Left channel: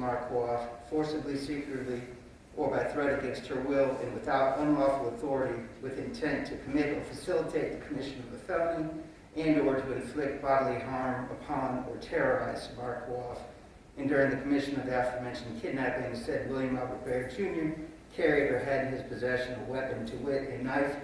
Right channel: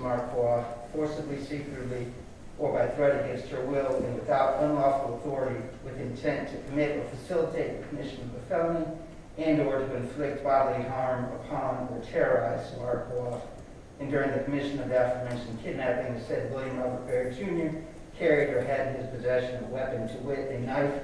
Samar Coaf, forcibly, secretly, or by threat against her will and without unlawful authority with intent to commit or facilitate the commission of a felony and or to inflict bodily harm upon or terrorize Samar Coaf. And during the commission of the aforementioned kidnapping, said William Robert Baer Jr. carried or had in his possession a weapon, to wit, a knife,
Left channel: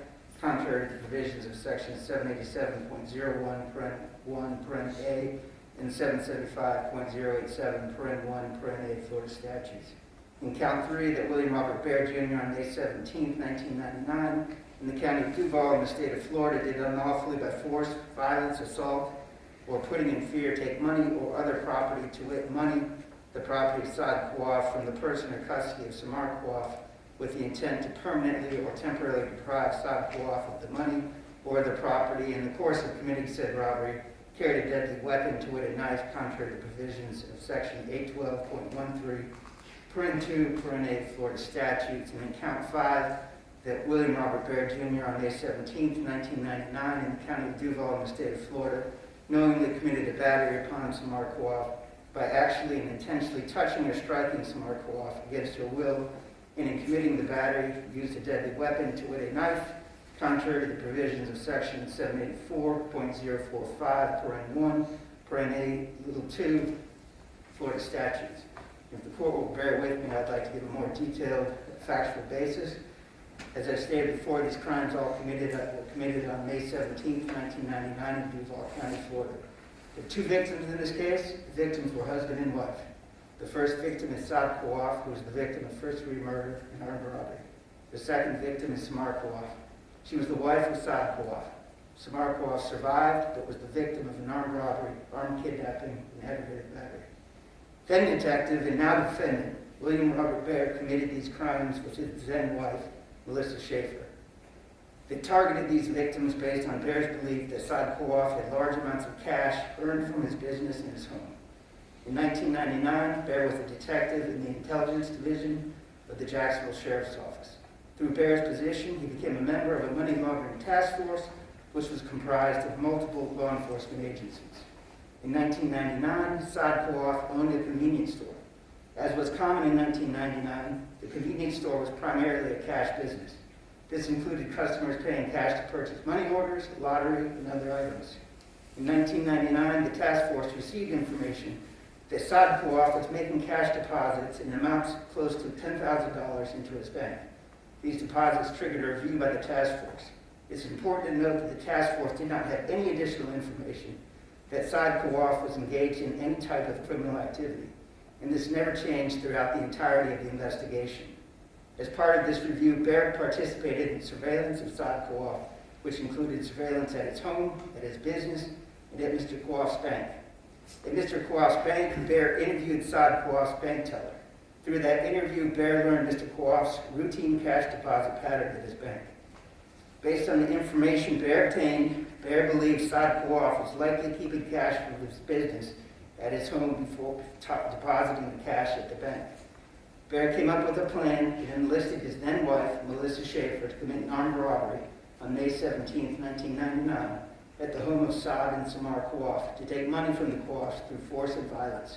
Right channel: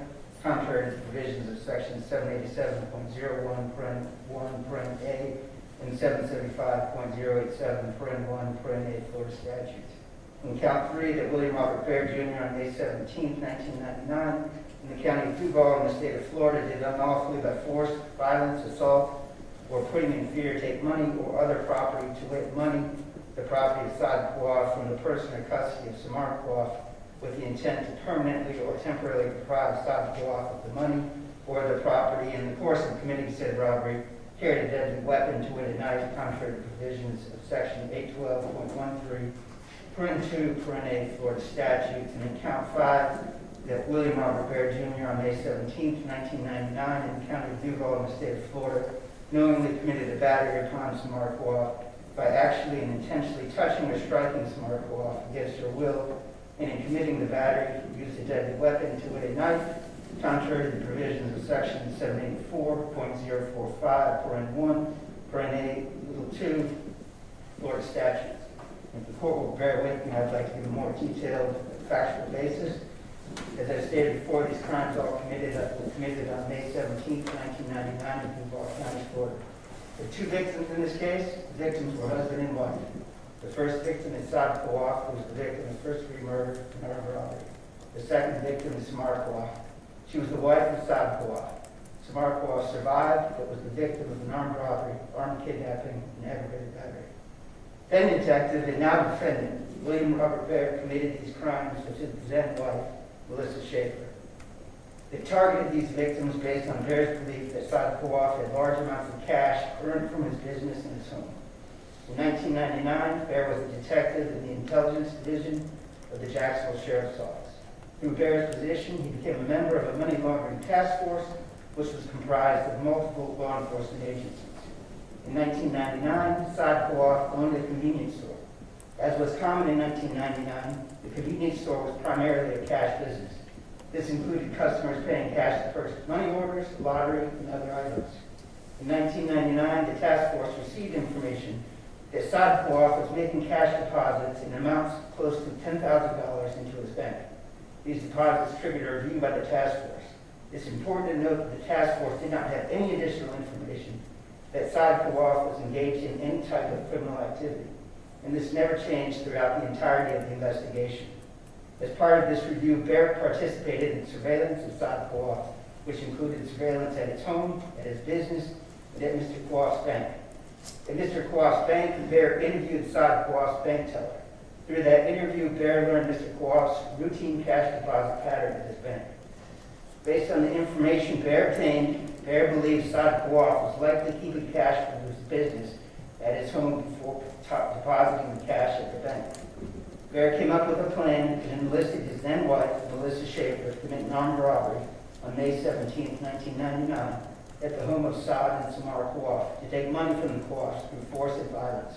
contrary to the provisions of section 787.01, paren A, and 775.087, paren 1, paren A, Florida statutes. In count 3, that William Robert Baer Jr. on May 17, 1999, in the county of Duval in the state of Florida, did unlawfully by force, violence, assault, or putting in fear, take money or other property, to wit, money, the property of Saad Coaf, from the person or custody of Samar Coaf, with the intent to permanently or temporarily deprive Saad Coaf of the money or the property, in the course of committing said robbery, carried a deadly weapon, to wit, a knife, contrary to provisions of section 812.13, paren 2, paren A, Florida statutes. And in count 5, that William Robert Baer Jr. on May 17, 1999, in the county of Duval in the state of Florida, knowingly committed a battery upon Samar Coaf by actually and intentionally touching or striking Samar Coaf against her will, and in committing the battery, used a deadly weapon, to wit, a knife, contrary to the provisions of section 784.045, paren 1, paren A, little 2, Florida statutes. If the court will bear with me, I'd like to give a more detailed factual basis. As I stated before, these crimes all were committed on May 17, 1999 in Duval County, Florida. There were 2 victims in this case. The victims were husband and wife. The first victim is Saad Coaf, who was the victim of first-degree murder and armed robbery. The second victim is Samar Coaf. She was the wife of Saad Coaf. Samar Coaf survived, but was the victim of an armed robbery, armed kidnapping, and aggravated battery. Then detective and now defendant, William Robert Baer, committed these crimes with his then wife, Melissa Schaefer. They targeted these victims based on Baer's belief that Saad Coaf had large amounts of cash earned from his business in his home. In 1999, Baer was a detective in the intelligence division of the Jacksonville Sheriff's Office. Through Baer's position, he became a member of a money laundering task force, which was comprised of multiple law enforcement agencies. In 1999, Saad Coaf owned a convenience store. As was common in 1999, the convenience store was primarily a cash business. This included customers paying cash to purchase money orders, lottery, and other items. In 1999, the task force received information that Saad Coaf was making cash deposits in amounts close to $10,000 into his bank. These deposits triggered a review by the task force. It's important to note that the task force did not have any additional information that Saad Coaf was engaged in any type of criminal activity, and this never changed throughout the entirety of the investigation. As part of this review, Baer participated in surveillance of Saad Coaf, which included surveillance at his home, at his business, and at Mr. Coaf's bank. At Mr. Coaf's bank, Baer interviewed Saad Coaf's bank teller. Through that interview, Baer learned Mr. Coaf's routine cash deposit pattern at his bank. Based on the information Baer obtained, Baer believed Saad Coaf was likely keeping cash for his business at his home before depositing the cash at the bank. Baer came up with a plan and enlisted his then wife, Melissa Schaefer, to commit an armed robbery on May 17, 1999, at the home of Saad and Samar Coaf to take money from the Coafs through force and violence.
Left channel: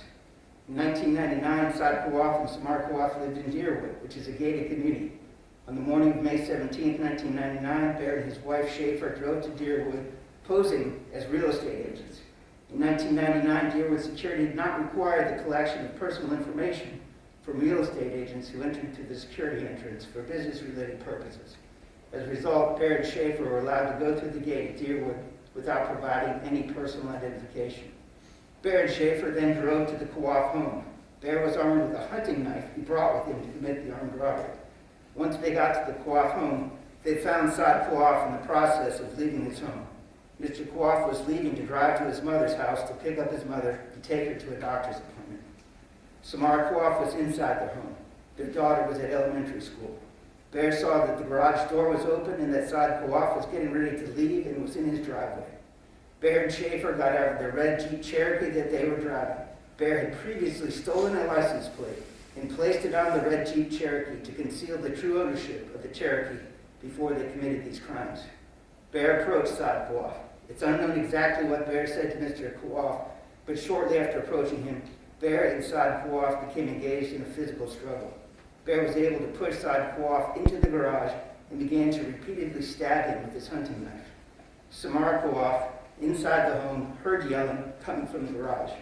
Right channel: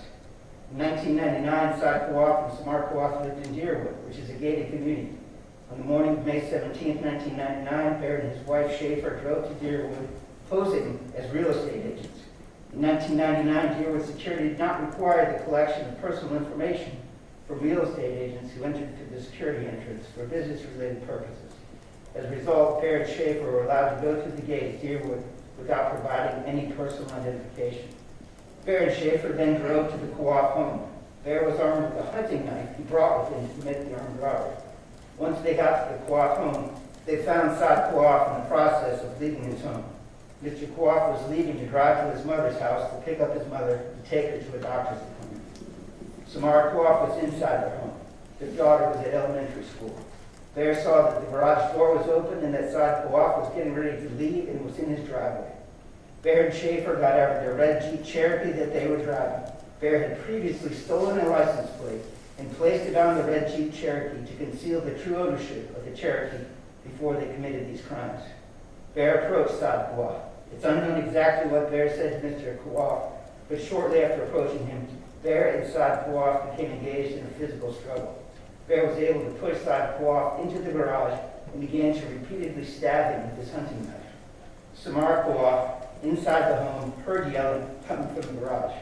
In 1999, Saad Coaf and Samar Coaf lived in Deerwood, which is a gated community. On the morning of May 17, 1999, Baer and his wife Schaefer drove to Deerwood, posing as real estate agents. In 1999, Deerwood security did not require the collection of personal information from real estate agents who entered through the security entrance for business-related purposes. As a result, Baer and Schaefer were allowed to go through the gate at Deerwood without providing any personal identification. Baer and Schaefer then drove to the Coaf home. Baer was armed with a hunting knife he brought with him to commit the armed robbery. Once they got to the Coaf home, they found Saad Coaf in the process of leaving his home. Mr. Coaf was leaving to drive to his mother's house to pick up his mother and take her to a doctor's appointment. Samar Coaf was inside their home. Their daughter was at elementary school. Baer saw that the garage door was open and that Saad Coaf was getting ready to leave and was in his driveway. Baer and Schaefer got out of their red Jeep Cherokee that they were driving. Baer had previously stolen a license plate and placed it on the red Jeep Cherokee to conceal the true ownership of the Cherokee before they committed these crimes. Baer approached Saad Coaf. It's unknown exactly what Baer said to Mr. Coaf, but shortly after approaching him, Baer and Saad Kouaf became engaged in a physical struggle. Baer was able to push Saad Kouaf into the garage and began to repeatedly stab him with his hunting knife. Samara Kouaf, inside the home, heard yelling coming from the garage.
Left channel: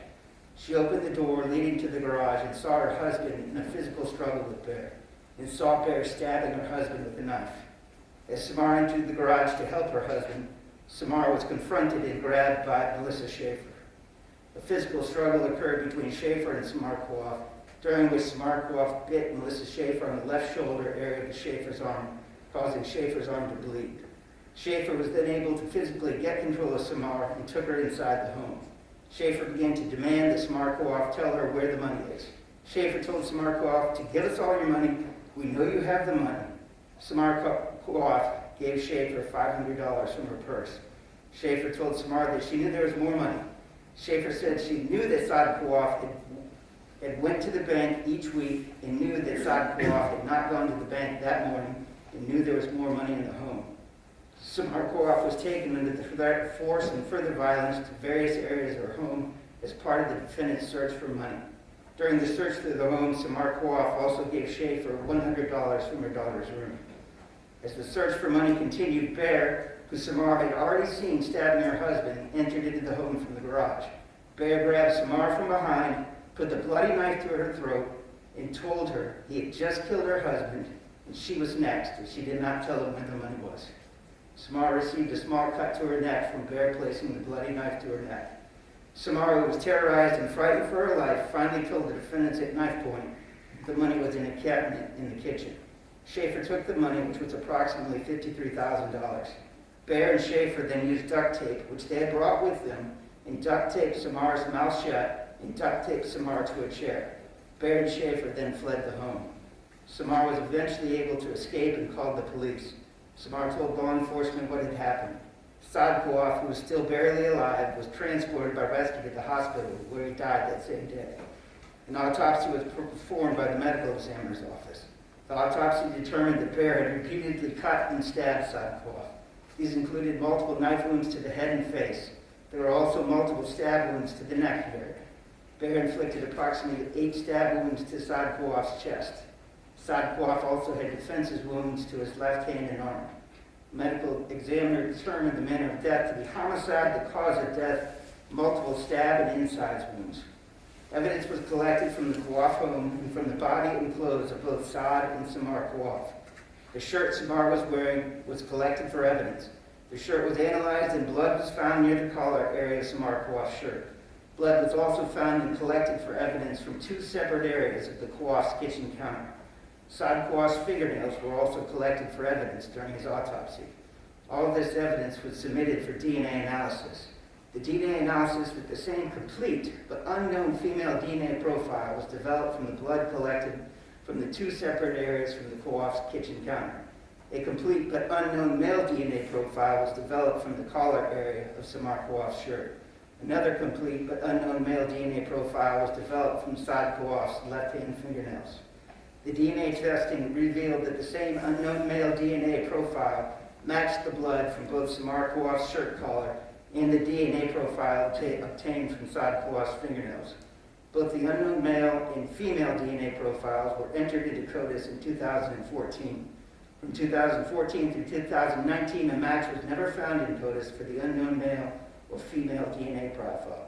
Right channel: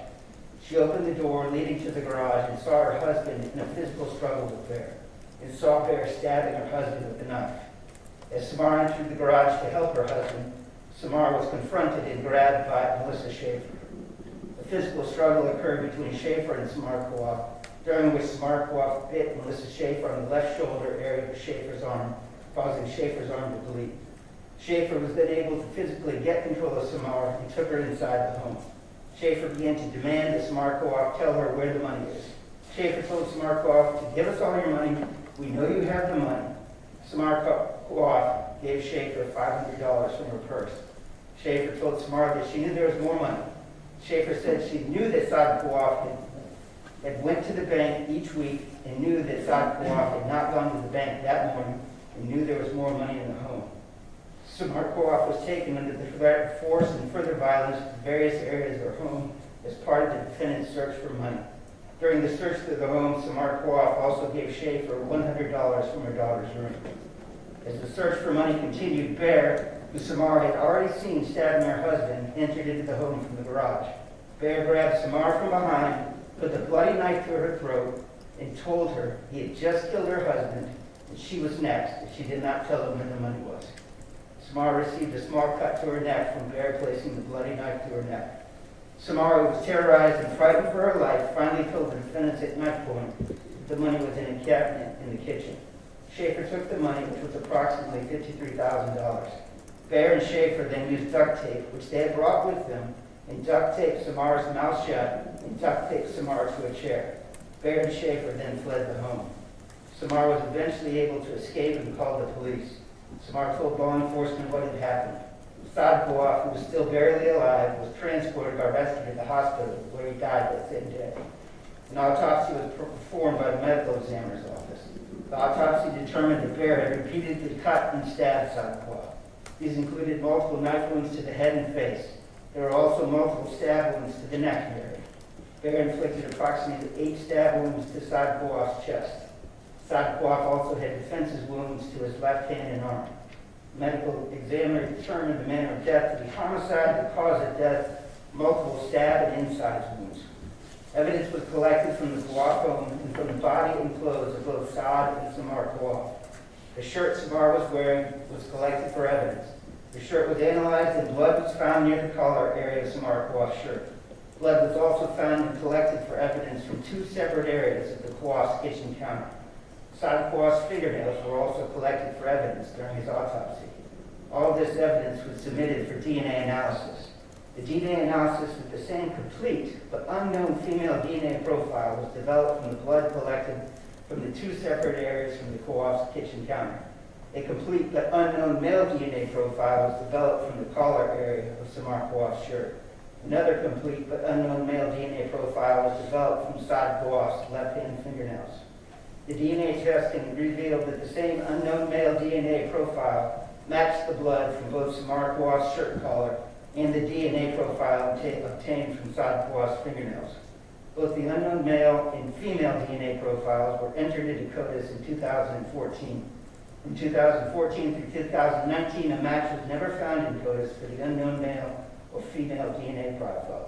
She opened the door leading to the garage and saw her husband in a physical struggle with Baer, and saw Baer stabbing her husband with a knife. As Samara entered the garage to help her husband, Samara was confronted and grabbed by Melissa Schaefer. A physical struggle occurred between Schaefer and Samara Kouaf, during which Samara Kouaf bit Melissa Schaefer on the left shoulder area of Schaefer's arm, causing Schaefer's arm to bleed. Schaefer was then able to physically get control of Samara and took her inside the home. Schaefer began to demand that Samara Kouaf tell her where the money is. Schaefer told Samara Kouaf to give us all your money. We know you have the money. Samara Kouaf gave Schaefer $500 from her purse. Schaefer told Samara that she knew there was more money. Schaefer said she knew that Saad Kouaf had went to the bank each week and knew that Saad Kouaf had not gone to the bank that morning and knew there was more money in the home. Samara Kouaf was taken under the threat of force and further violence to various areas of her home as part of the defendant's search for money. During the search for the home, Samara Kouaf also gave Schaefer $100 from her daughter's room. As the search for money continued, Baer, who Samara had already seen stabbing her husband, entered into the home from the garage. Baer grabbed Samara from behind, put the bloody knife to her throat, and told her he had just killed her husband, and she was next, and she did not tell him where the money was. Samara received a small cut to her neck from Baer placing the bloody knife to her neck. Samara, who was terrorized and frightened for her life, finally told the defendants at knife point the money was in a cabinet in the kitchen. Schaefer took the money, which was approximately $53,000. Baer and Schaefer then used duct tape, which they had brought with them, and duct taped Samara's mouth shut and duct taped Samara to a chair. Baer and Schaefer then fled the home. Samara was eventually able to escape and called the police. Samara told law enforcement what had happened. Saad Kouaf, who was still barely alive, was transported by rescue to the hospital where he died that same day. An autopsy was performed by the medical examiner's office. The autopsy determined that Baer had repeatedly cut and stabbed Saad Kouaf. These included multiple knife wounds to the head and face. There were also multiple stab wounds to the neck area. Baer inflicted approximately 8 stab wounds to Saad Kouaf's chest. Saad Kouaf also had defensive wounds to his left hand and arm. The medical examiner determined the manner of death to be homicide, the cause of death, multiple stab and incised wounds. Evidence was collected from the Kouaf home and from the body and clothes of both Saad and Samara Kouaf. The shirt Samara was wearing was collected for evidence. The shirt was analyzed and blood was found near the collar area of Samara Kouaf's shirt. Blood was also found and collected for evidence from 2 separate areas of the Kouaf's kitchen counter. Saad Kouaf's fingernails were also collected for evidence during his autopsy. All of this evidence was submitted for DNA analysis. The DNA analysis with the same complete but unknown female DNA profile was developed from the blood collected from the 2 separate areas from the Kouaf's kitchen counter. A complete but unknown male DNA profile was developed from the collar area of Samara Kouaf's shirt. Another complete but unknown male DNA profile was developed from Saad Kouaf's left-hand fingernails. The DNA testing revealed that the same unknown male DNA profile matched the blood from both Samara Kouaf's shirt collar and the DNA profile obtained from Saad Kouaf's fingernails. Both the unknown male and female DNA profiles were entered into CODIS in 2014. From 2014 through 2019, a match was never found in CODIS for the unknown male or female DNA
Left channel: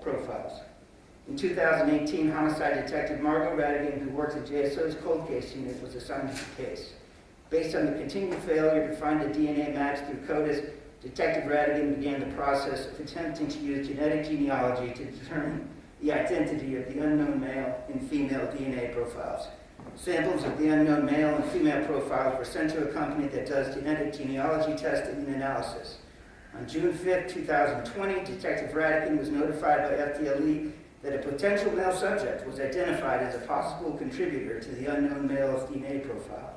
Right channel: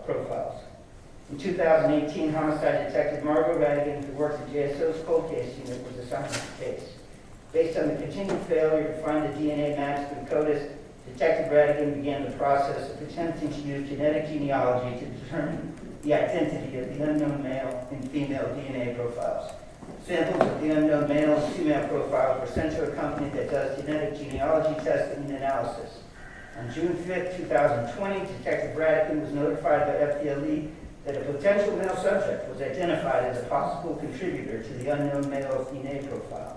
profiles. In 2018, homicide detective Margot Radigan, who worked at JSO's cold case unit, was assigned to the case. Based on the continued failure to find a DNA match through CODIS, Detective Radigan began the process of attempting to use genetic genealogy to determine the identity of the unknown male and female DNA profiles. Samples of the unknown male and female profiles were sent to a company that does genetic genealogy testing and analysis. On June 5, 2020, Detective Radigan was notified by FDLE that a potential male subject was identified as a possible contributor to the unknown male's DNA profile.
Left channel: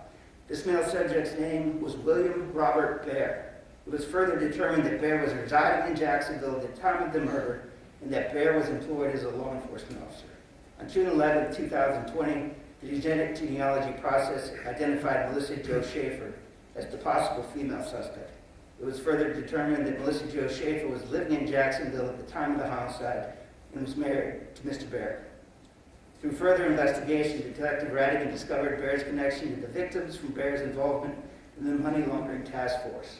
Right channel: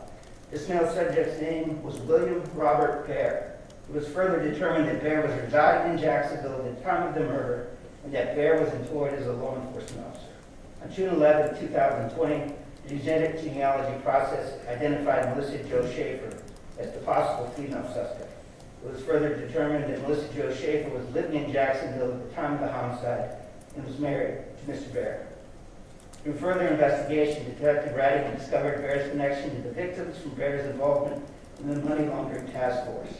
This male subject's name was William Robert Baer. It was further determined that Baer was residing in Jacksonville at the time of the murder and that Baer was employed as a law enforcement officer. On June 11, 2020, the genetic genealogy process identified Melissa Jo Schaefer as the possible female suspect. It was further determined that Melissa Jo Schaefer was living in Jacksonville at the time of the homicide and was married to Mr. Baer. Through further investigation, Detective Radigan discovered Baer's connection to the victims from Baer's involvement in the money laundering task force.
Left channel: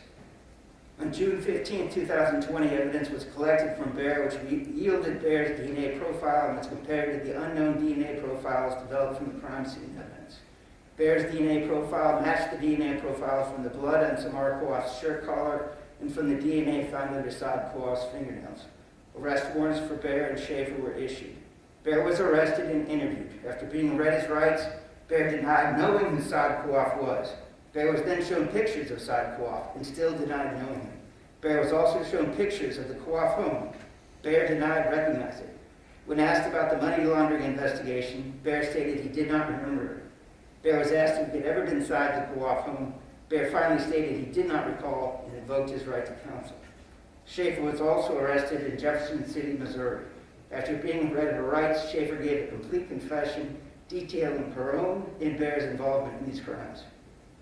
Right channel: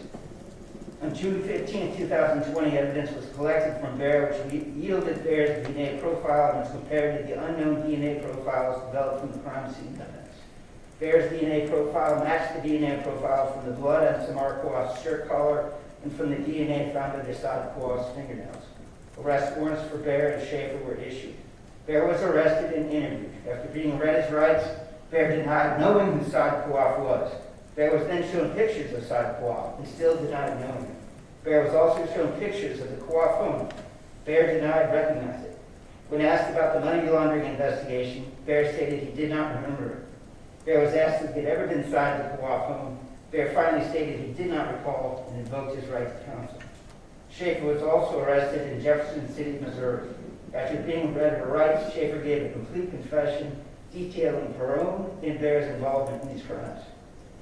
On June 15, 2020, evidence was collected from Baer which yielded Baer's DNA profile and was compared to the unknown DNA profiles developed from the crime scene evidence. Baer's DNA profile matched the DNA profiles from the blood on Samar Kouaf's shirt collar and from the DNA found under Saad Kouaf's fingernails. Arrest warrants for Baer and Schaefer were issued. Baer was arrested and interviewed. After being read his rights, Baer denied knowing who Saad Kouaf was. Baer was then shown pictures of Saad Kouaf and still denied knowing him. Baer was also shown pictures of the Kouaf home. Baer denied recognizing it. When asked about the money laundering investigation, Baer stated he did not remember it. Baer was asked if he had ever been inside the Kouaf home. Baer finally stated he did not recall and invoked his right to counsel. Schaefer was also arrested in Jefferson City, Missouri. After being read her rights, Schaefer gave a complete confession detailing her own and Baer's involvement in these crimes.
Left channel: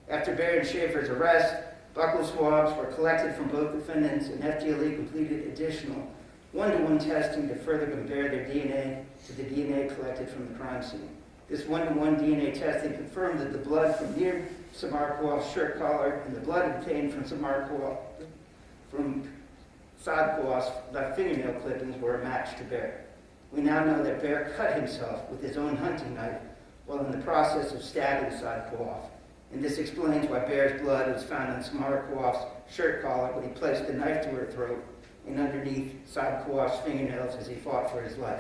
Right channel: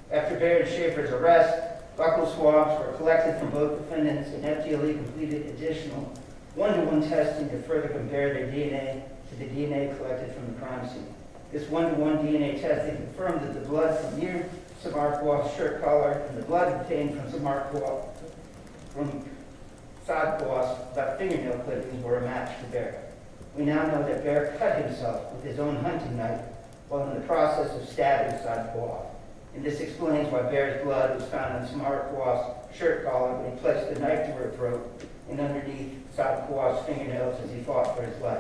After Baer and Schaefer's arrest, buccal swabs were collected from both defendants and FDLE completed additional one-to-one testing to further compare their DNA to the DNA collected from the crime scene. This one-to-one DNA testing confirmed that the blood from near Samar Kouaf's shirt collar and the blood obtained from Saad Kouaf's left fingernail clippings were a match to Baer. We now know that Baer cut himself with his own hunting knife while in the process of stabbing Saad Kouaf. And this explains why Baer's blood was found on Samar Kouaf's shirt collar when he placed the knife to her throat and underneath Saad Kouaf's fingernails as he fought for his life.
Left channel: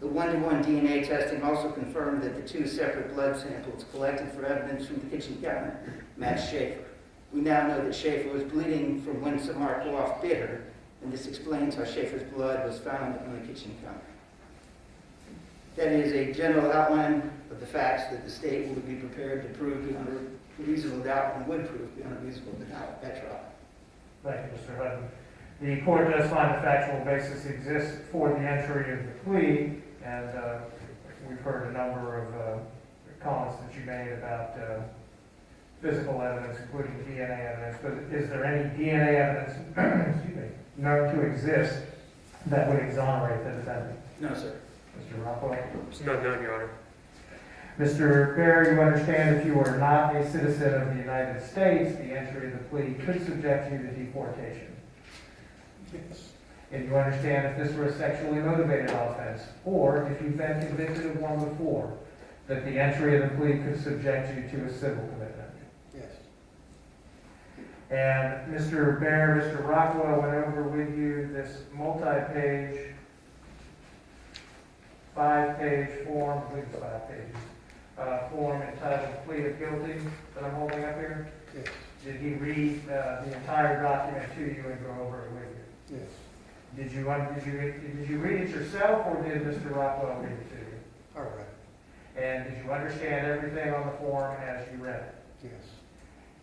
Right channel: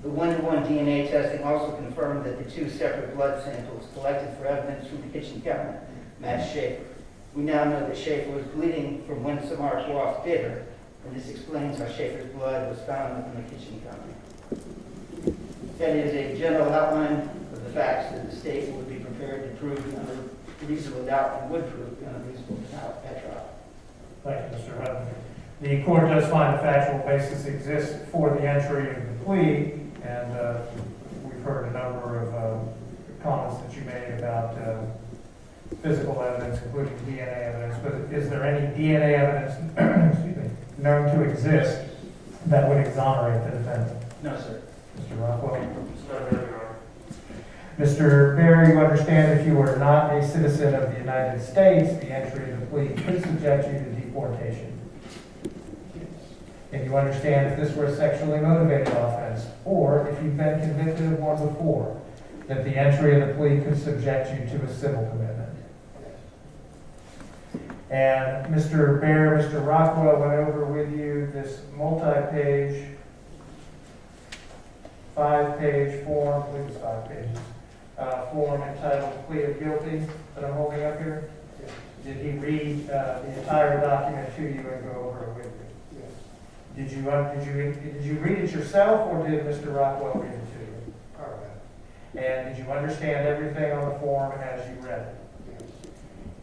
The one-to-one DNA testing also confirmed that the two separate blood samples collected for evidence from the kitchen cabinet matched Schaefer. We now know that Schaefer was bleeding from when Samar Kouaf bit her, and this explains how Schaefer's blood was found in the kitchen cabinet. That is a general outline of the facts that the state would be prepared to prove beyond a reasonable doubt and would prove beyond a reasonable doubt at trial. Thank you, Mr. Hutton. The court does find a factual basis exists for the entry of the plea, and we've heard a number of comments that you made about physical evidence, including DNA evidence. But is there any DNA evidence excuse me, known to exist that would exonerate the defendant? No, sir. Mr. Rockwell? No, Your Honor. Mr. Baer, you understand if you were not a citizen of the United States, the entry of the plea could subject you to deportation. And you understand if this were a sexually motivated offense, or if you've been convicted of one before, that the entry of the plea could subject you to a civil commitment. And Mr. Baer, Mr. Rockwell went over with you this multi-page, 5-page form, I believe it's 5 pages, form entitled Plea of Guilty that I'm holding up here. Yes. Did he read the entire document to you and go over it with you? Yes. Did you read it yourself, or did Mr. Rockwell read it to you? All right. And did you understand everything on the form as you read it? Yes.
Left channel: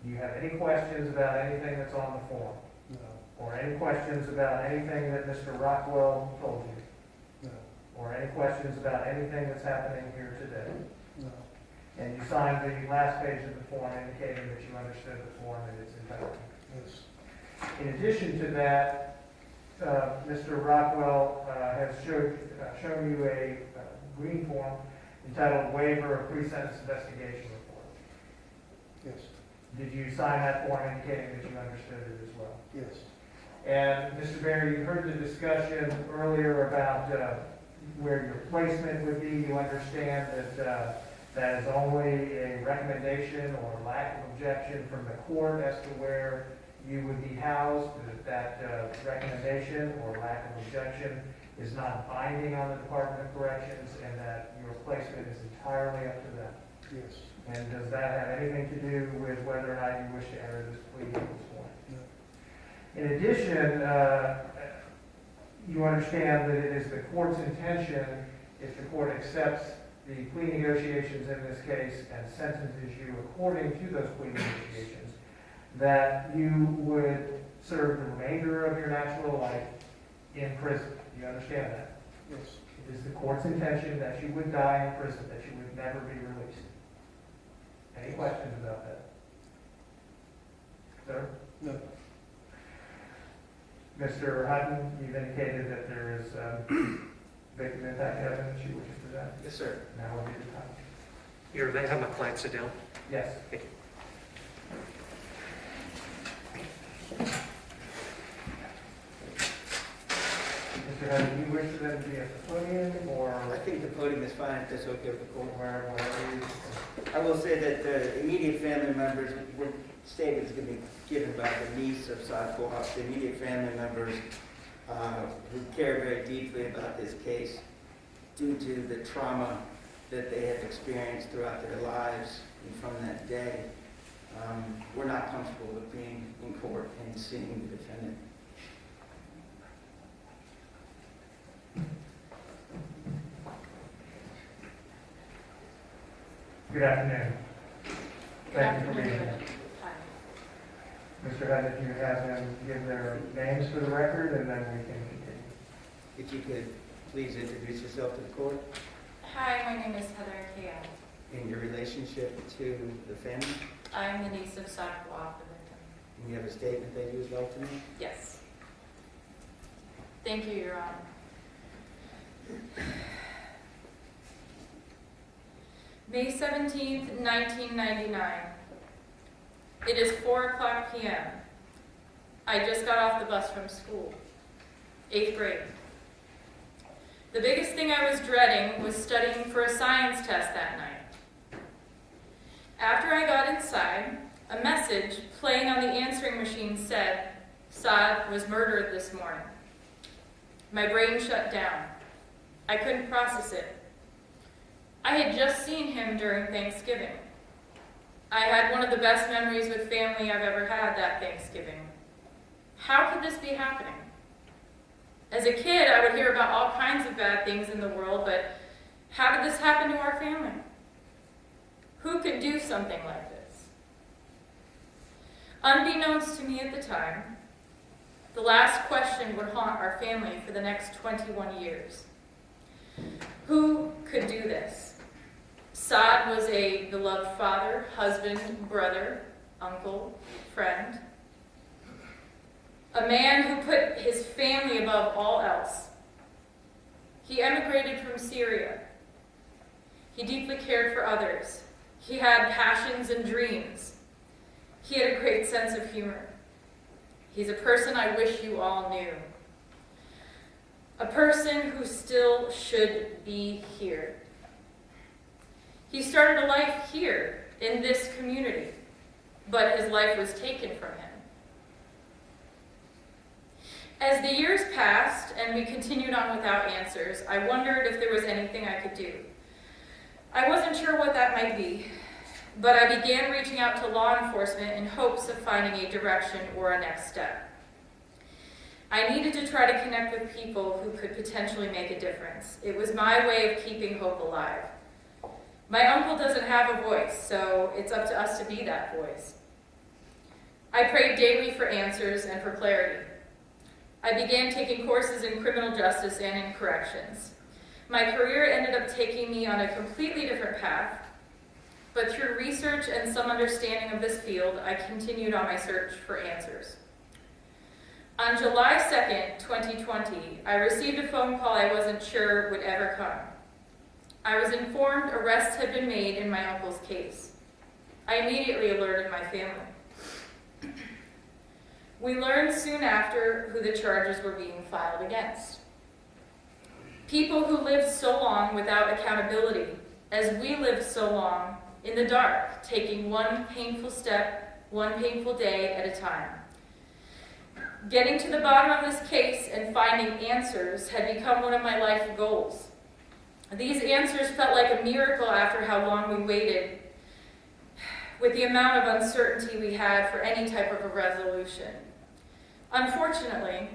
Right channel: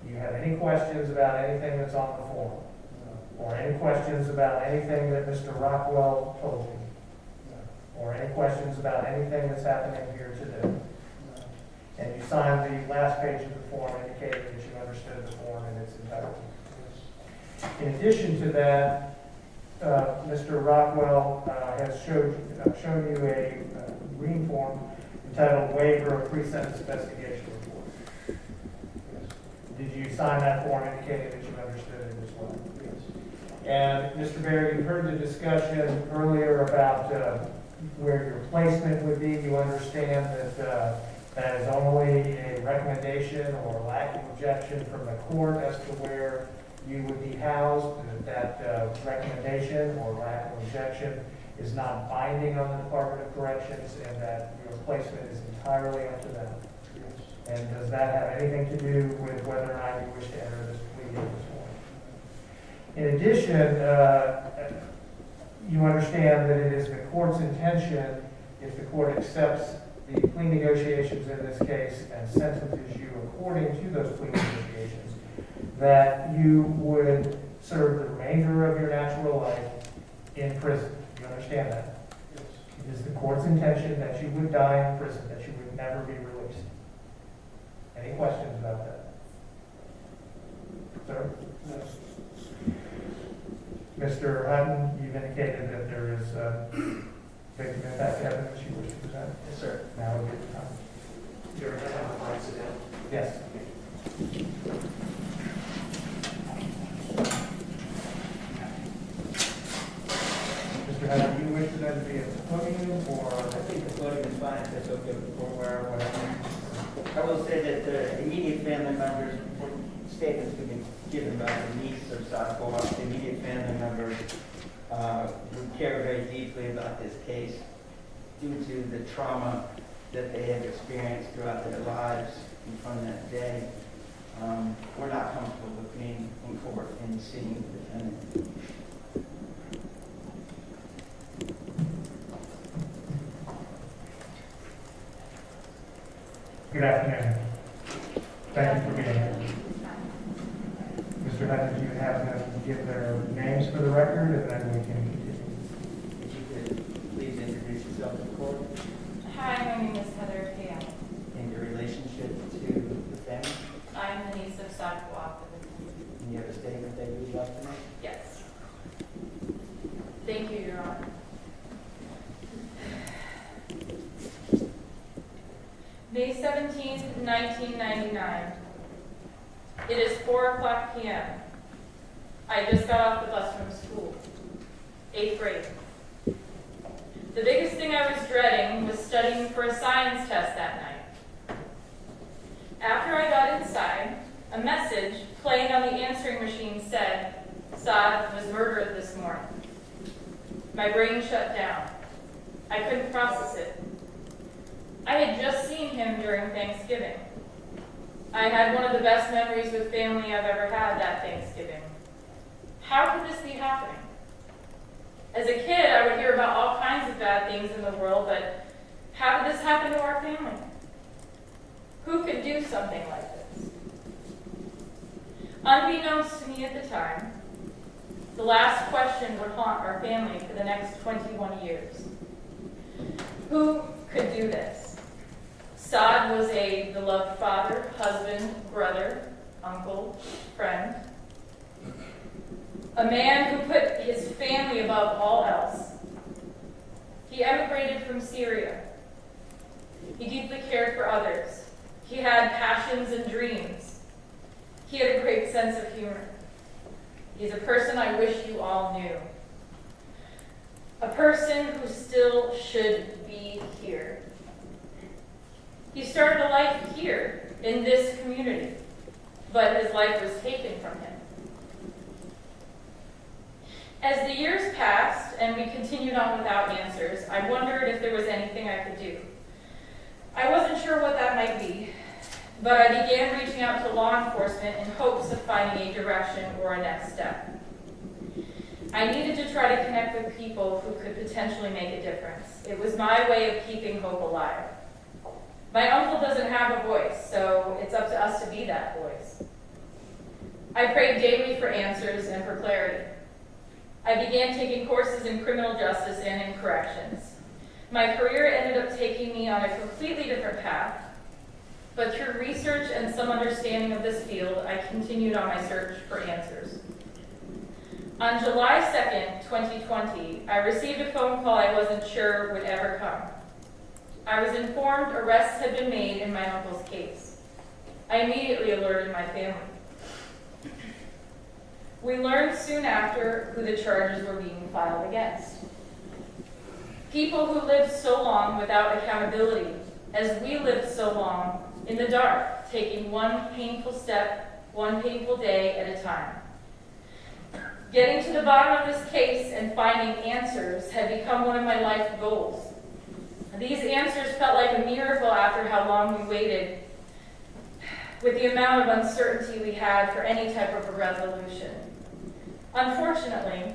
Do you have any questions about anything that's on the form? No. Or any questions about anything that Mr. Rockwell told you? No. Or any questions about anything that's happening here today? No. And you signed the last page of the form indicating that you understood the form in its entirety. Yes. In addition to that, Mr. Rockwell has shown you a green form entitled Waiver of Pre-Sentence Investigation Report. Yes. Did you sign that form indicating that you understood it as well? Yes. And Mr. Baer, you heard the discussion earlier about where your placement would be. You understand that that is only a recommendation or lack of objection from the court as to where you would be housed, that recommendation or lack of objection is not binding on the Department of Corrections, and that your placement is entirely up to them. Yes. And does that have anything to do with whether or not you wish to enter this plea at this point? In addition, you understand that it is the court's intention, if the court accepts the plea negotiations in this case and sentences you according to those plea negotiations, that you would serve the remainder of your natural life in prison. Do you understand that? Yes. It is the court's intention that you would die in prison, that you would never be released. Any questions about that? Sir? No. Mr. Hutton, you've indicated that there is victim impact evidence you wish to present. Yes, sir. Now would be the time. You're, they have my client sit down. Yes. Mr. Haddon, do you wish for them to be at the podium, or I think the podium is fine, if it's okay, or whatever you. I will say that the immediate family members, statements could be given by the niece of South Florida. The immediate family members who care very deeply about this case due to the trauma that they have experienced throughout their lives and from that day. We're not comfortable with being in court and seeing the defendant. good afternoon. Thank you for being here. Mr. Haddon, you have them give their names for the record, and then we can continue. If you could please introduce yourself to the court Hi, my name is Heather Gale. and your relationship to the family. I'm the niece of Factual. And you have a statement that you would like to make? Yes. Thank you, Your Honor. May 17th, 1999. It is 4:00 p.m. I just got off the bus from school, 8th grade. The biggest thing I was dreading was studying for a science test that night. After I got inside, a message playing on the answering machine said, "Saad was murdered this morning." My brain shut down. I couldn't process it. I had just seen him during Thanksgiving. I had one of the best memories with family I've ever had that Thanksgiving. How could this be happening? As a kid, I would hear about all kinds of bad things in the world, but how did this happen to our family? Who could do something like this? Unbeknownst to me at the time, the last question would haunt our family for the next 21 years. Who could do this? Saad was a beloved father, husband, brother, uncle, friend. A man who put his family above all else. He emigrated from Syria. He deeply cared for others. He had passions and dreams. He had a great sense of humor. He's a person I wish you all knew. A person who still should be here. He started a life here in this community, but his life was taken from him. As the years passed and we continued on without answers, I wondered if there was anything I could do. I wasn't sure what that might be, but I began reaching out to law enforcement in hopes of finding a direction or a next step. I needed to try to connect with people who could potentially make a difference. It was my way of keeping hope alive. My uncle doesn't have a voice, so it's up to us to be that voice. I prayed daily for answers and for clarity. I began taking courses in criminal justice and in corrections. My career ended up taking me on a completely different path, but through research and some understanding of this field, I continued on my search for answers. On July 2nd, 2020, I received a phone call I wasn't sure would ever come. I was informed arrests had been made in my uncle's case. I immediately alerted my family. We learned soon after who the charges were being filed against. People who lived so long without accountability, as we lived so long in the dark, taking one painful step, one painful day at a time. Getting to the bottom of this case and finding answers had become one of my life goals. These answers felt like a miracle after how long we waited, with the amount of uncertainty we had for any type of a resolution. Unfortunately,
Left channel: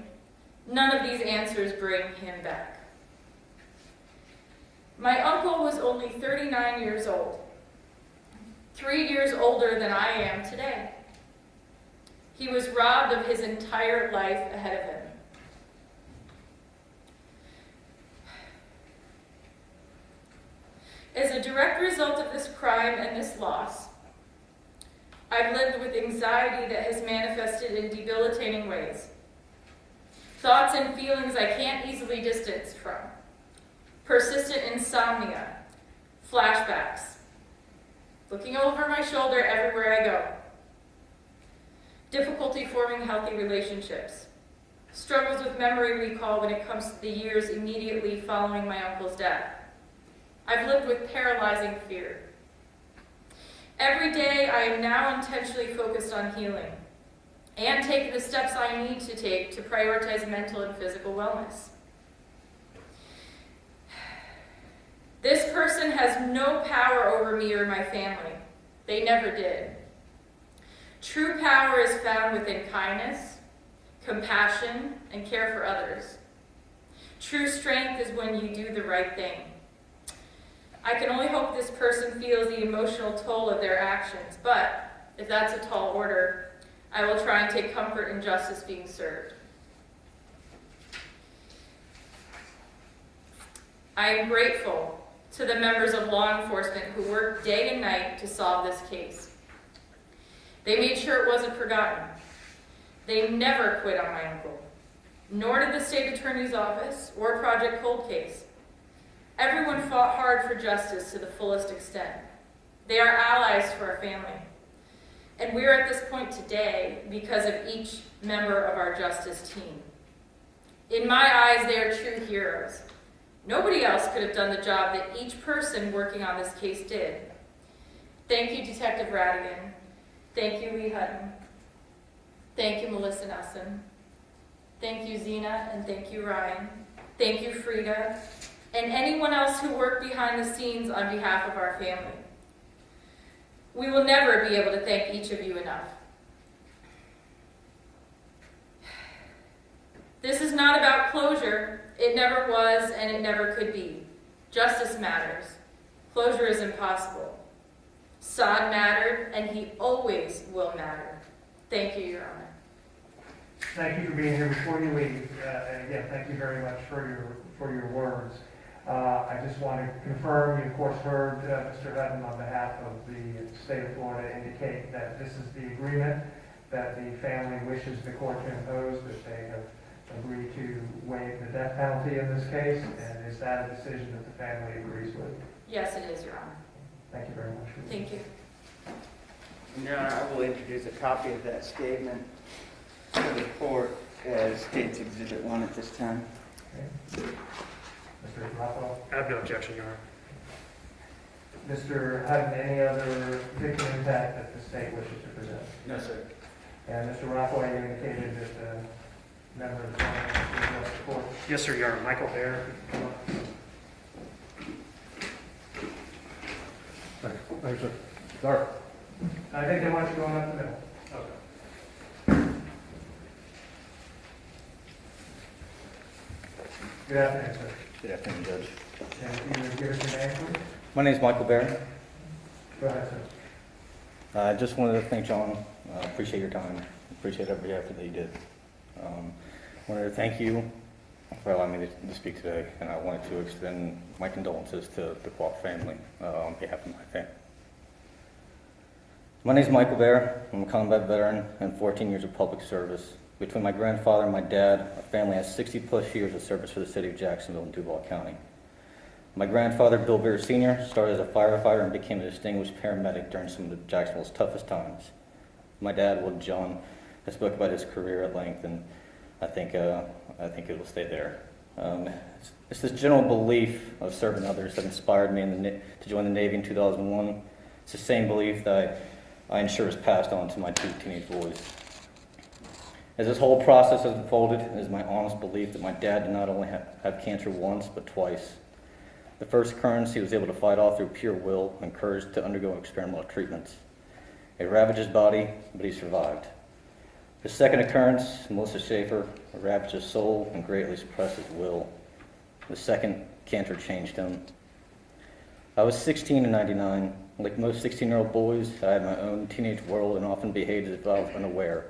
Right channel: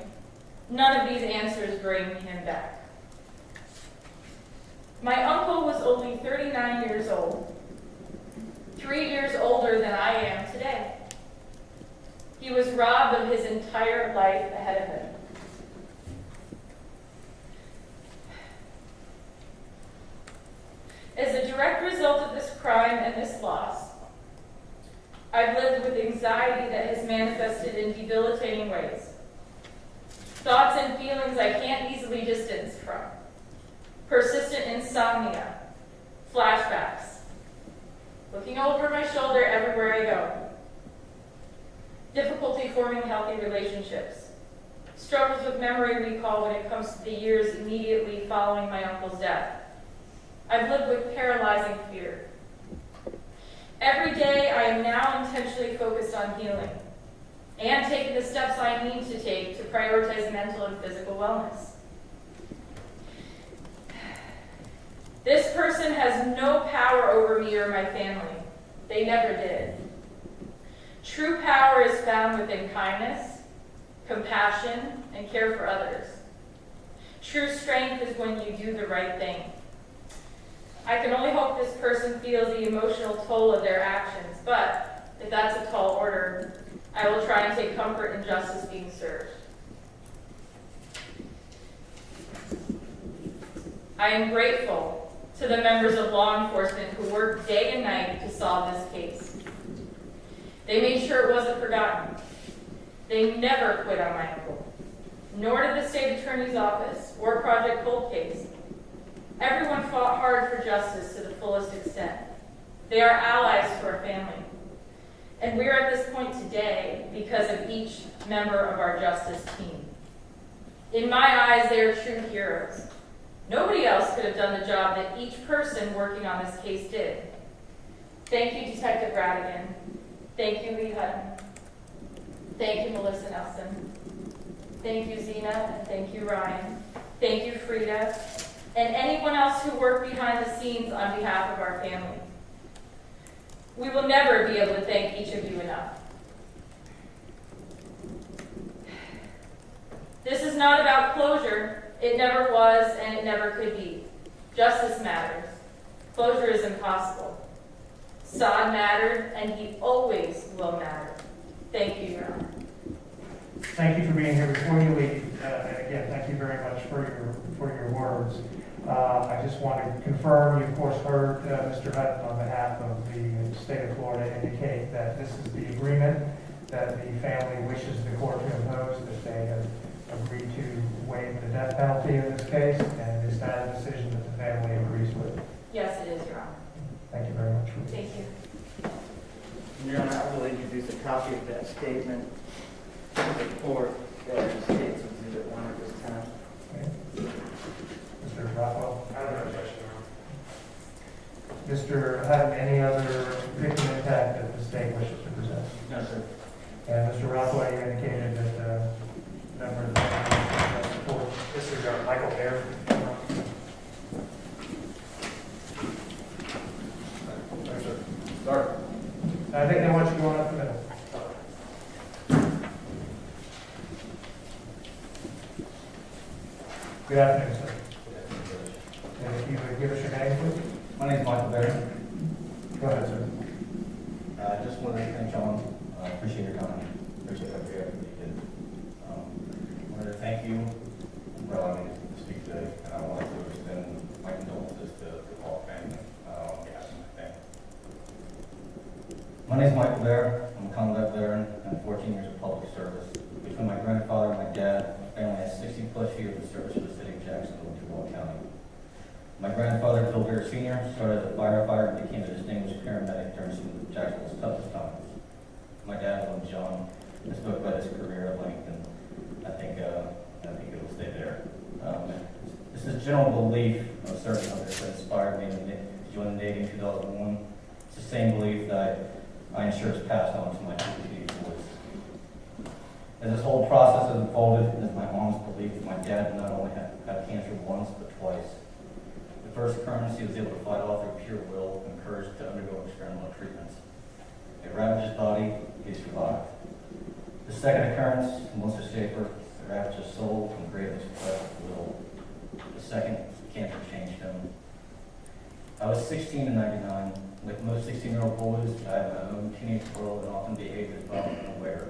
none of these answers bring him back. My uncle was only 39 years old, 3 years older than I am today. He was robbed of his entire life ahead of him. As a direct result of this crime and this loss, I've lived with anxiety that has manifested in debilitating ways. Thoughts and feelings I can't easily distance from. Persistent insomnia, Flashbacks. Looking over my shoulder everywhere I go. Difficulty forming healthy relationships. Struggles with memory recall when it comes to the years immediately following my uncle's death. I've lived with paralyzing fear. Every day I am now intentionally focused on healing and taking the steps I need to take to prioritize mental and physical wellness. This person has no power over me or my family. They never did. True power is found within kindness, compassion, and care for others. True strength is when you do the right thing. I can only hope this person feels the emotional toll of their actions, but if that's a tall order, I will try and take comfort in justice being served. I am grateful to the members of law enforcement who worked day and night to solve this case. They made sure it wasn't forgotten. They never quit on my uncle, nor did the state attorney's office or Project Cold Case. Everyone fought hard for justice to the fullest extent. They are allies to our family. And we're at this point today because of each member of our justice team. In my eyes, they are true heroes. Nobody else could have done the job that each person working on this case did. Thank you, Detective Radigan. Thank you, Lee Hutton. Thank you, Melissa Nelson. Thank you, Zena, and thank you, Ryan. Thank you, Frida, and anyone else who worked behind the scenes on behalf of our family. We will never be able to thank each of you enough. This is not about closure. It never was, and it never could be. Justice matters. Closure is impossible. Saad mattered, and he always will matter. Thank you, Your Honor. Thank you for being here. Before you leave, again, thank you very much for your words. I just want to confirm, you of course heard Mr. Hutton on behalf of the state of Florida indicate that this is the agreement that the family wishes the court to impose. The state has agreed to waive the death penalty in this case, and is that a decision that the family agrees with? Yes, it is, Your Honor. Thank you very much. Thank you. Your Honor, I will introduce a copy of that statement to the court as State's Exhibit 1 at this time. Okay. Mr. Rockwell. I have no objection, Your Honor. Mr. Hutton, any other victim impact that the state wishes to present? No, sir. And Mr. Rockwell, you indicated that member of the family wishes to address the court. Yes, sir, Your Honor. Michael Baer. Dark. I think they want you going up the middle. Good afternoon, sir. Good afternoon, Judge. And if you would give us your name, please? My name is Michael Baer. Go ahead, sir. I just wanted to thank John. Appreciate your time. Appreciate every effort that you did. Wanted to thank you for allowing me to speak today, and I wanted to extend my condolences to the Kwok family on behalf of my family. My name is Michael Baer. I'm a combat veteran and 14 years of public service. Between my grandfather and my dad, my family has 60-plus years of service for the city of Jacksonville and Duval County. My grandfather, Bill Baer Sr., started as a firefighter and became a distinguished paramedic during some of Jacksonville's toughest times. My dad, Will John, has spoken about his career at length, and I think it will stay there. It's this general belief of serving others that inspired me to join the Navy in 2001. It's the same belief that I ensure is passed on to my two teenage boys. As this whole process has unfolded, it is my honest belief that my dad did not only have cancer once, but twice. The first occurrence, he was able to fight off through pure will and courage to undergo experimental treatments. It ravaged his body, but he survived. The second occurrence, Melissa Schaefer, ravaged his soul and greatly suppressed his will. The second cancer changed him. I was 16 in '99. Like most 16-year-old boys, I had my own teenage world and often behaved as if I was unaware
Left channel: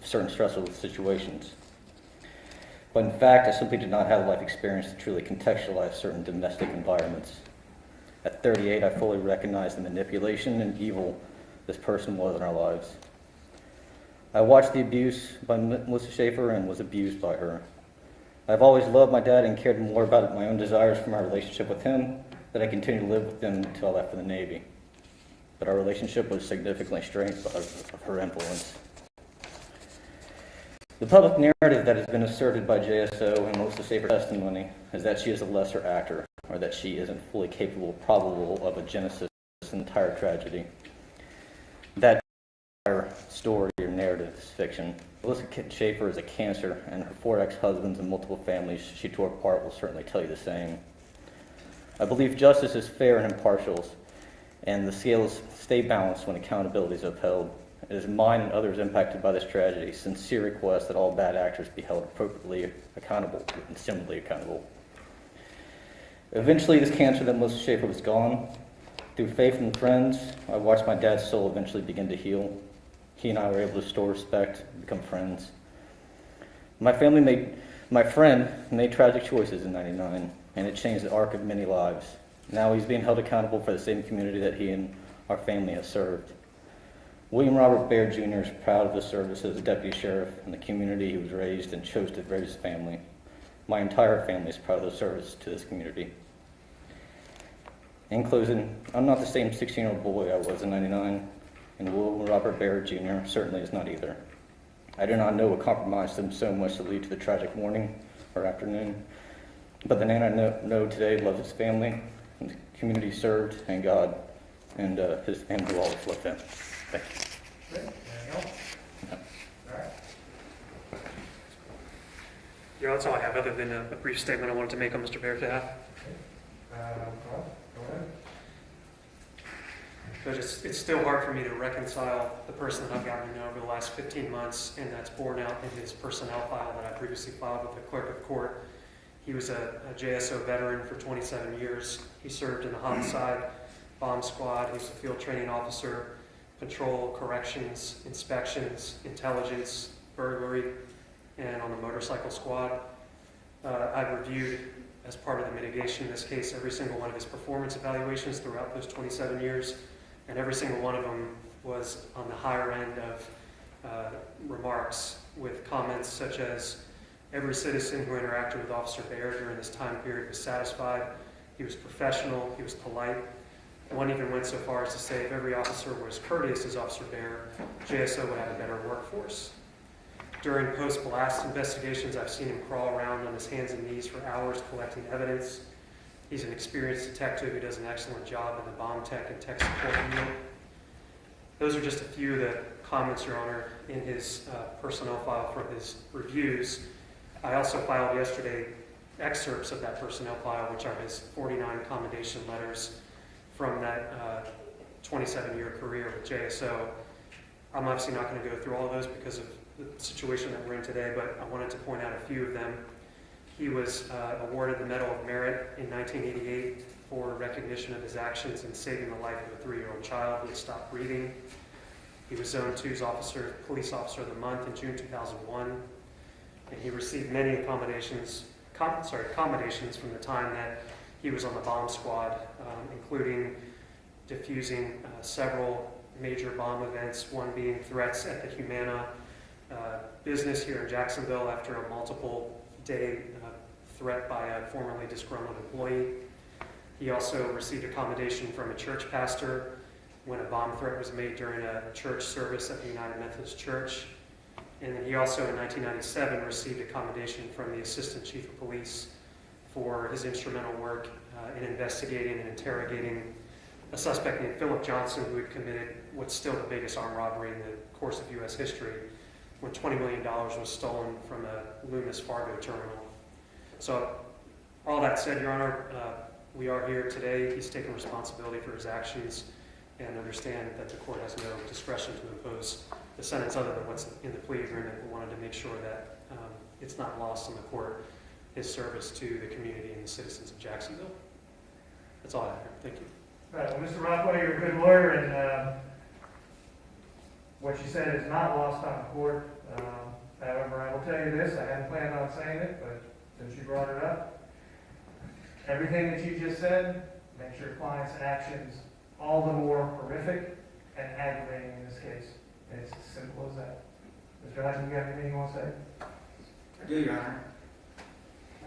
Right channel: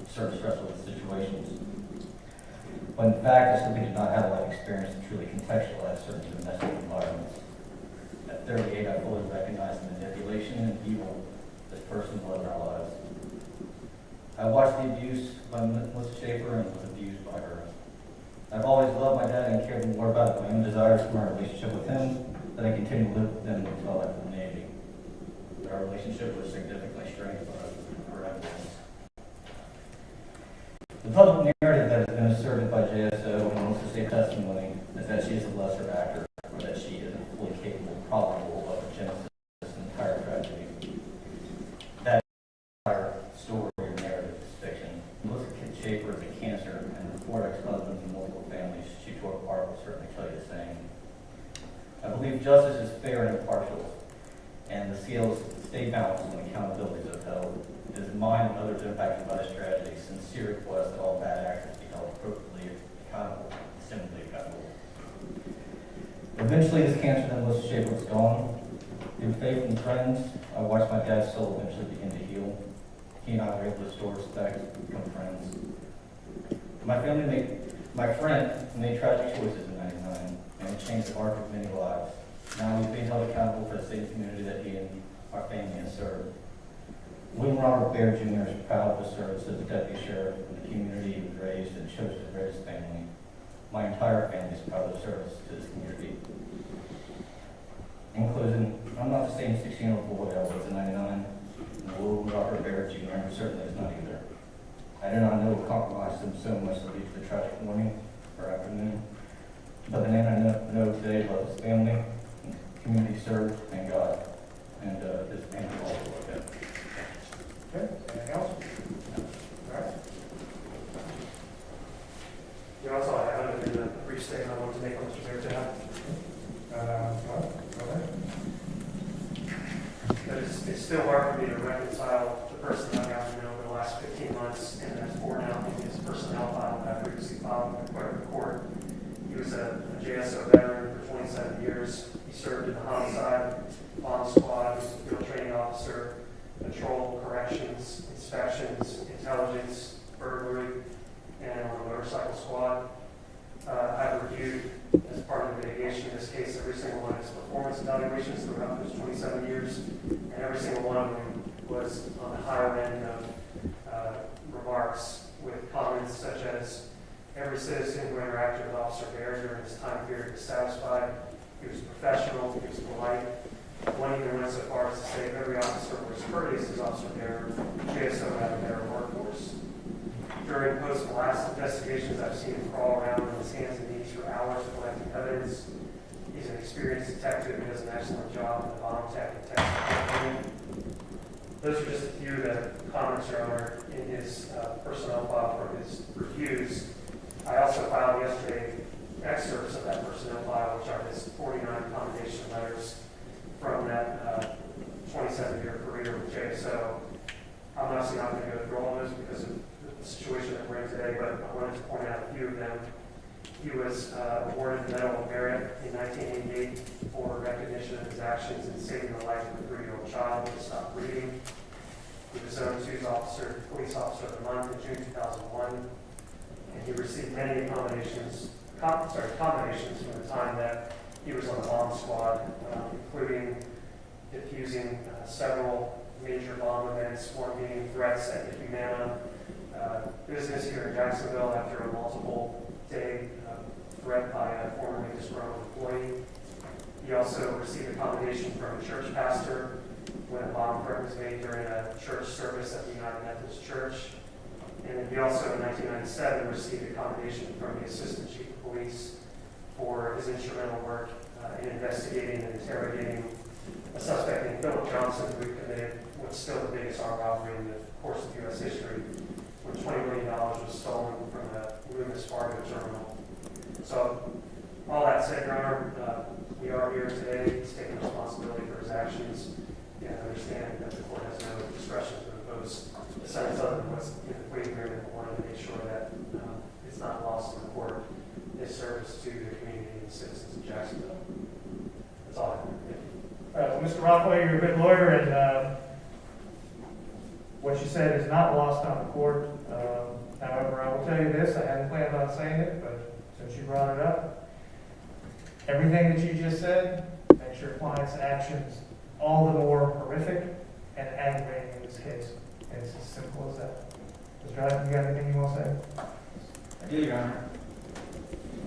of certain stressful situations. But in fact, I simply did not have life experience to truly contextualize certain domestic environments. At 38, I fully recognized the manipulation and evil this person was in our lives. I watched the abuse by Melissa Schaefer and was abused by her. I've always loved my dad and cared more about my own desires for my relationship with him that I continued to live with him until I left for the Navy. But our relationship was significantly strained by her influence. The public narrative that has been asserted by JSO and most of her testimony is that she is a lesser actor, or that she isn't fully capable, probable of a genesis of this entire tragedy. That entire story or narrative is fiction. Melissa Schaefer is a cancer, and her 4 ex-husbands and multiple families she tore apart will certainly tell you the same. I believe justice is fair and impartial, and the scales stay balanced when accountability is upheld. It is mine and others impacted by this tragedy sincere request that all bad actors be held appropriately accountable and similarly accountable. Eventually, this cancer that Melissa Schaefer was gone. Through faith and friends, I watched my dad's soul eventually begin to heal. He and I were able to restore respect, become friends. My friend made tragic choices in '99, and it changed the arc of many lives. Now he's being held accountable for the same community that he and our family have served. William Robert Baer Jr. is proud of his service as a deputy sheriff in the community he was raised and chose to raise his family. My entire family is proud of the service to this community. In closing, I'm not the same 16-year-old boy I was in '99, and William Robert Baer Jr. certainly is not either. I do not know what compromised him so much to lead to the tragic morning or afternoon, but the man I know today loves his family, and the community served, and God, and who always loved him. Thank you. Okay, anything else? All right. Yeah, that's all I have, other than a brief statement I wanted to make on Mr. Baer to have. All right, go ahead. But it's still hard for me to reconcile the person I've gotten to know over the last 15 months, and that's borne out in his personnel file that I previously filed with the clerk of court. He was a JSO veteran for 27 years. He served in the homicide, bomb squad. He was a field training officer, patrol, corrections, inspections, intelligence, burglary, and on the motorcycle squad. I've reviewed, as part of the mitigation in this case, every single one of his performance evaluations throughout those 27 years, and every single one of them was on the higher end of remarks, with comments such as, every citizen who interacted with Officer Baer during this time period was satisfied, he was professional, he was polite. One even went so far as to say if every officer was courteous as Officer Baer, JSO would have a better workforce. During post-blast investigations, I've seen him crawl around on his hands and knees for hours collecting evidence. He's an experienced detective who does an excellent job in the bomb tech and technical unit. Those are just a few of the comments, Your Honor, in his personnel file for his reviews. I also filed yesterday excerpts of that personnel file, which are his 49 commendation letters from that 27-year career with JSO. I'm obviously not going to go through all those because of the situation that we're in today, but I wanted to point out a few of them. He was awarded the Medal of Merit in 1988 for recognition of his actions in saving the life of a 3-year-old child who had stopped breathing. He was Zone 2's Police Officer of the Month in June 2001, and he received many commendations from the time that he was on the bomb squad, including defusing several major bomb events, one being threats at the Humana business here in Jacksonville after a multiple-day threat by a formerly disgruntled employee. He also received a commendation from a church pastor when a bomb threat was made during a church service at the United Methodist Church. And he also, in 1997, received a commendation from the Assistant Chief of Police for his instrumental work in investigating and interrogating a suspect named Philip Johnson, who had committed what's still the biggest armed robbery in the course of U.S. history, when $20 million was stolen from the Loomis Fargo terminal. So, all that said, Your Honor, we are here today. He's taking responsibility for his actions and understand that the court has no discretion to impose a sentence other than what's in the plea agreement. We wanted to make sure that it's not lost on the court, his service to the community and the citizens of Jacksonville. That's all I have. Thank you. Mr. Rockway, you're a good lawyer, and what you said is not lost on the court. However, I will tell you this, I hadn't planned on saying it, but since you brought it up, everything that you just said makes your client's actions all the more horrific and aggravating in this case. And it's as simple as that. Mr. Hyden, you got anything you want to say? I do, Your Honor.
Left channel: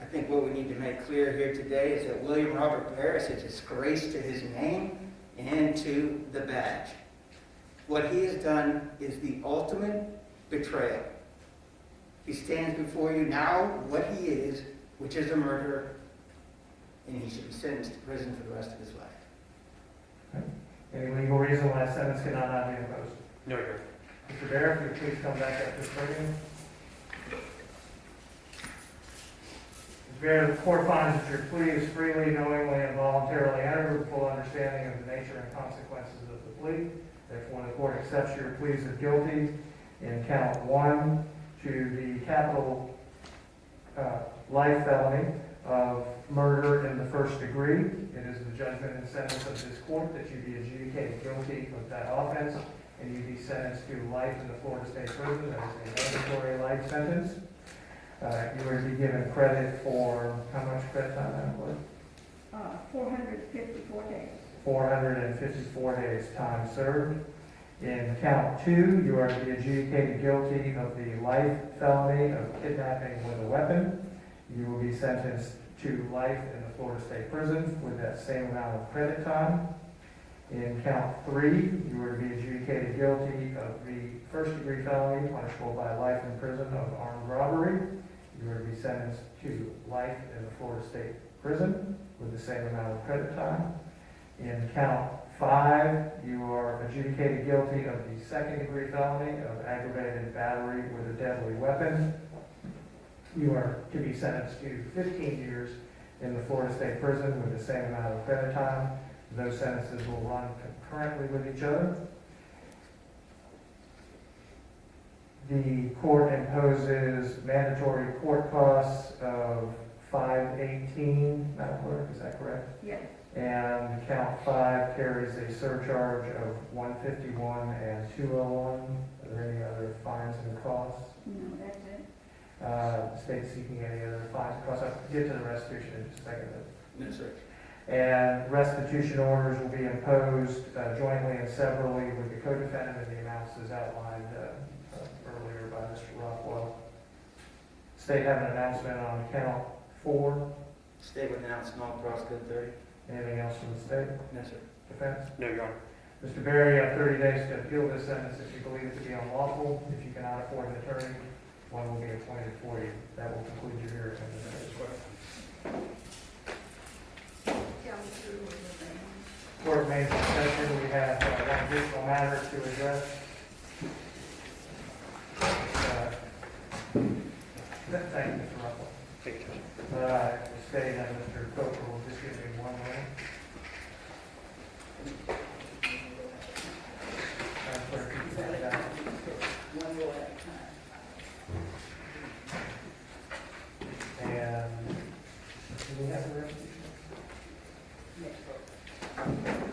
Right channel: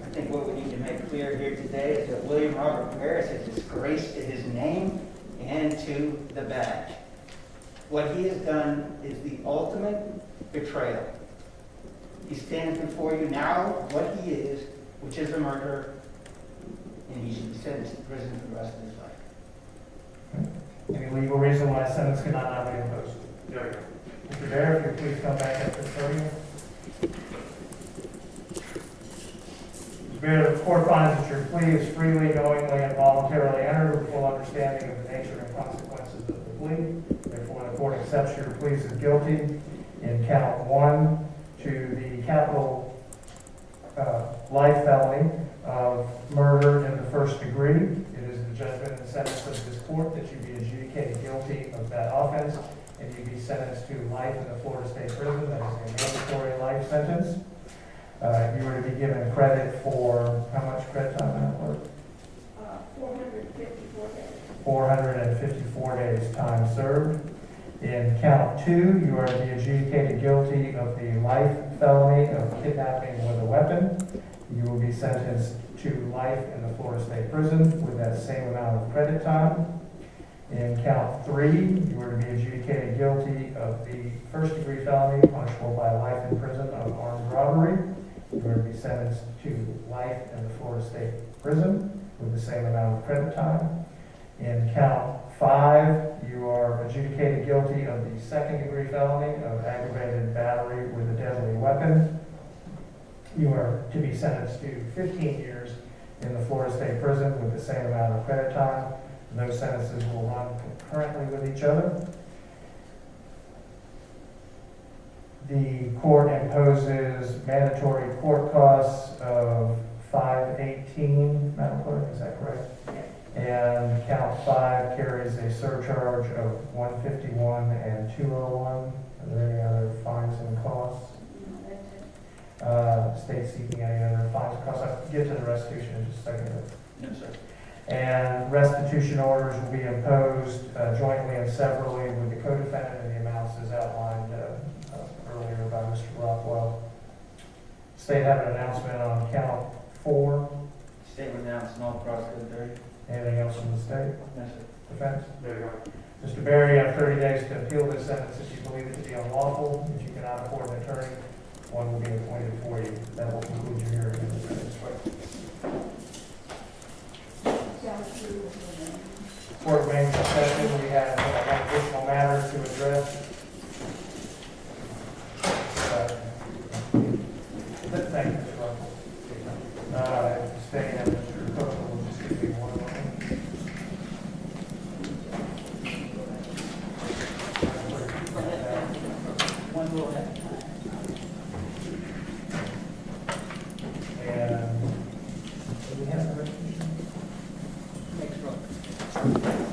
I think what we need to make clear here today is that William Robert Baer is a disgrace to his name and to the badge. What he has done is the ultimate betrayal. He stands before you now what he is, which is a murderer, and he should be sentenced to prison for the rest of his life. Any legal reason why a sentence cannot not be imposed? No, Your Honor. Mr. Baer, if you'll please come back up to the podium. Mr. Baer, the court finds that your plea is freely, knowingly, and voluntarily entered with full understanding of the nature and consequences of the plea. Therefore, the court accepts your pleas as guilty in count 1 to the capital life felony of murder in the first degree. It is the judgment and sentence of this court that you be adjudicated guilty of that offense, and you be sentenced to life in the Florida State Prison. That is a mandatory life sentence. You were to be given credit for, how much credit time? 454 days. 454 days time served. In count 2, you are to be adjudicated guilty of the life felony of kidnapping with a weapon. You will be sentenced to life in the Florida State Prison with that same amount of credit time. In count 3, you are to be adjudicated guilty of the first degree felony punishable by life in prison of armed robbery. You are to be sentenced to life in the Florida State Prison with the same amount of credit time. In count 5, you are adjudicated guilty of the second degree felony of aggravated battery with a deadly weapon. You are to be sentenced to 15 years in the Florida State Prison with the same amount of credit time. Those sentences will run concurrently with each other. The court imposes mandatory court costs of $518, Madam Clerk, is that correct? Yes. And count 5 carries a surcharge of $151 and $201. Are there any other fines and costs? No, that's it. State seeking any other fines and costs? I'll get to the restitution in just a second. Yes, sir. And restitution orders will be imposed jointly and severally with the co-defendant and the amounts as outlined earlier by Mr. Rockwell. State have an announcement on count 4. State will announce non-cross code 30. Anything else from the state? Yes, sir. Defense? No, Your Honor. Mr. Baer, you have 30 days to appeal this sentence if you believe it to be unlawful. If you cannot afford an attorney, one will be appointed for you. That will conclude your hearing. Court remains in session. We have additional matters to address. Thank you, Mr. Russell. Thank you, Judge. State and Mr. Coker will just give me 1 moment. And do we have a resolution? Next one.